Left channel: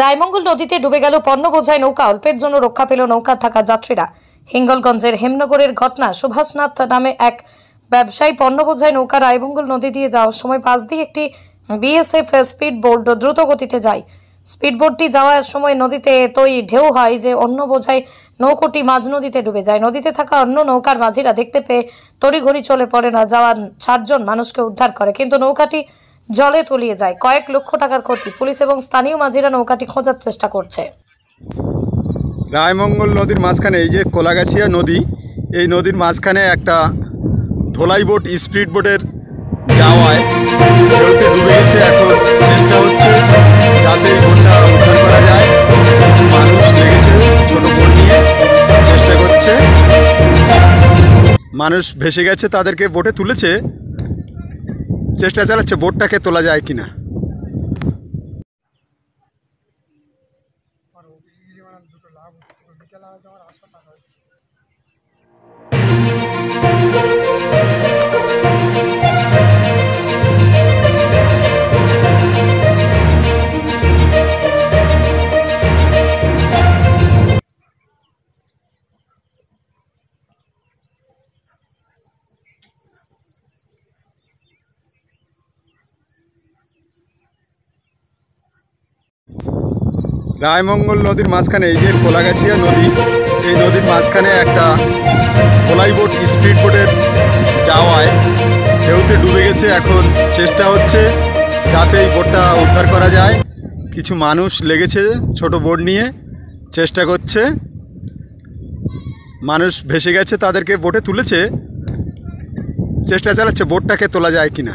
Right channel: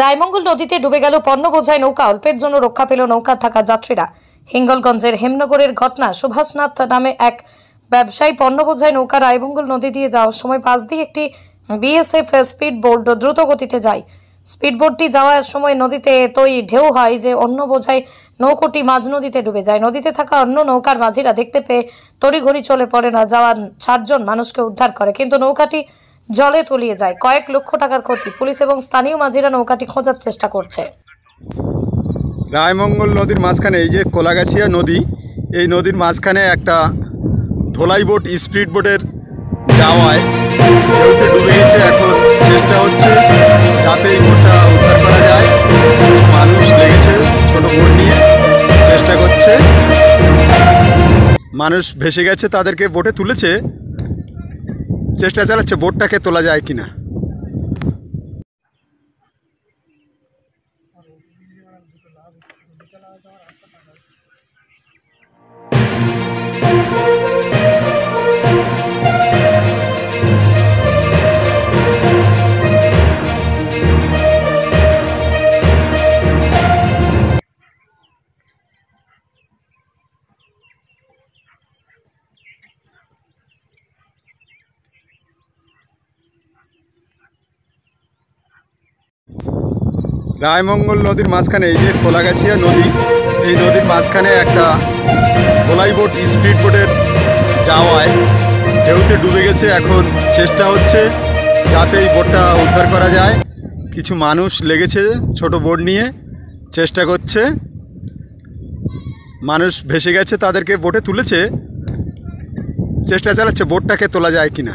রায়মঙ্গল নদীতে ডুবে গেল পণ্য বোঝাই নৌকা। অল্পের জন্য রক্ষা পেল নৌকা থাকা যাত্রীরা। হিঙ্গলগঞ্জের হেমনগরের ঘটনা। সুভাষনাথ নামে এক ব্যবসায়ী পণ্য বোঝাই নৌকা রায়মঙ্গল নদী দিয়ে যাওয়ার সময় পাশ দিয়ে একটি বিএসএফ স্পিড বোট দ্রুত গতিতে যায়। স্পিড বোটটি যাওয়ার সময় নদীতে এতই ঢেউ হয় যে অন্য বোঝাই নৌকোটি মাঝ নদীতে ডুবে যায়। নদীতে থাকা অন্য নৌকার মাঝিরা দেখতে পেয়ে তড়িঘড়ি চলে পড়ে না জওয়ান ৬০ জন মানুষকে উদ্ধার করে, কিন্তু নৌকাটি জলে তলিয়ে যায়। কয়েক লক্ষ টাকার ক্ষতি। পুলিশ এবং স্থানীয় মাঝিরা নৌকাটি খোঁজার চেষ্টা করছে। রায়মঙ্গল নদীর মাঝখানে এই যে কোলাগাছিয়া নদী, এই নদীর মাঝখানে একটা ধোলাই বোট স্পিড বোটের যাওয়ায় ঢেউতে ডুবে গেছে। এখন চেষ্টা হচ্ছে যাতে এই বোটটা উদ্ধার করা যায়। কিছু মানুষ লেগেছে ছোট বোট নিয়ে, চেষ্টা করছে। মানুষ ভেসে গেছে, তাদেরকে বোটে তুলেছে, চেষ্টা চালাচ্ছে বোটটাকে তোলা যায় কিনা। রায়মঙ্গল নদীর মাঝখানে এই যে কোলাগাছিয়া নদী, এই নদীর মাঝখানে একটা ধোলাই বোট স্পিড বোটের যাওয়ায় ঢেউতে ডুবে গেছে। এখন চেষ্টা হচ্ছে যাতে এই বোটটা উদ্ধার করা যায়। কিছু মানুষ লেগেছে ছোট বোট নিয়ে, চেষ্টা করছে। মানুষ ভেসে গেছে, তাদেরকে বোটে তুলেছে, চেষ্টা চালাচ্ছে বোটটাকে তোলা যায় কিনা।